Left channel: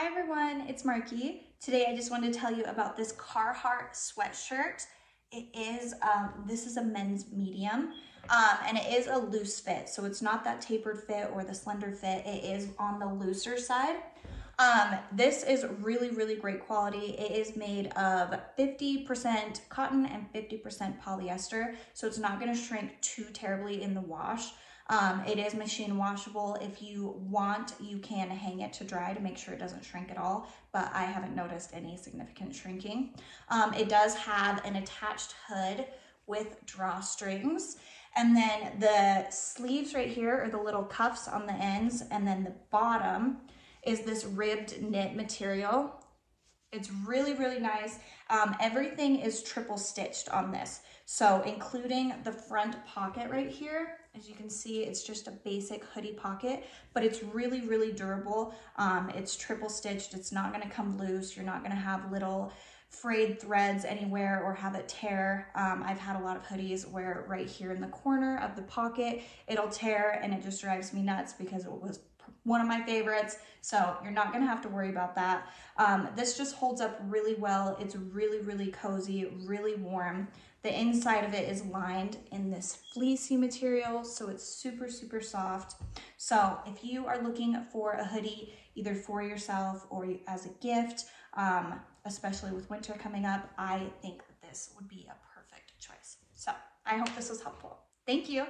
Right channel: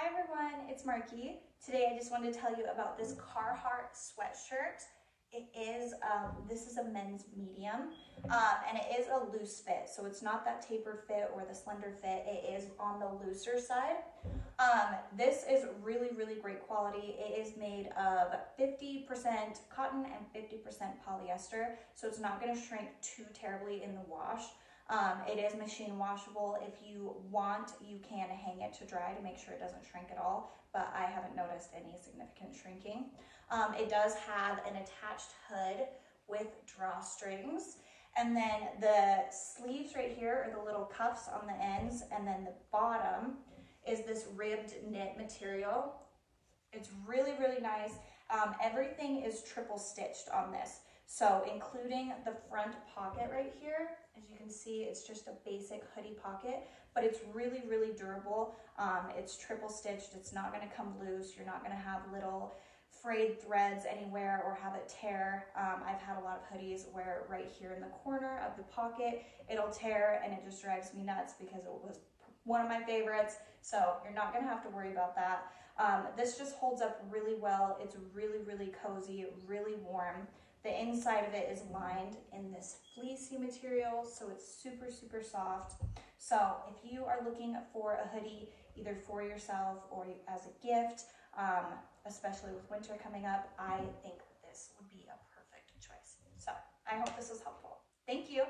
Hi everyone, it's Marky. Today I just wanted to tell you about this Carhartt sweatshirt. This is a men's medium, and it is a loose fit. So it's not that tapered fit or the slender fit. It is on the looser side. This is really, really great quality. It is made of 50% cotton and 50% polyester. So it's not gonna shrink too terribly in the wash. It is machine washable. If you want, you can hang it to dry to make sure it doesn't shrink at all, but I haven't noticed any significant shrinking. It does have an attached hood with drawstrings, and then the sleeves right here are the little cuffs on the ends, and then the bottom is this ribbed knit material. It's really, really nice. Everything is triple stitched on this. So including the front pocket right here, as you can see, it's just a basic hoodie pocket, but it's really, really durable. It's triple stitched. It's not gonna come loose. You're not gonna have little frayed threads anywhere or have it tear. I've had a lot of hoodies where right here in the corner of the pocket, it'll tear, and it just drives me nuts because it was one of my favorites. So you're not gonna have to worry about that. This just holds up really well. It's really, really cozy, really warm. The inside of it is lined in this fleecy material, so it's super, super soft. So if you are looking for a hoodie, either for yourself or as a gift, especially with winter coming up, I think that this would be a perfect choice. So I hope this was helpful. Thank you.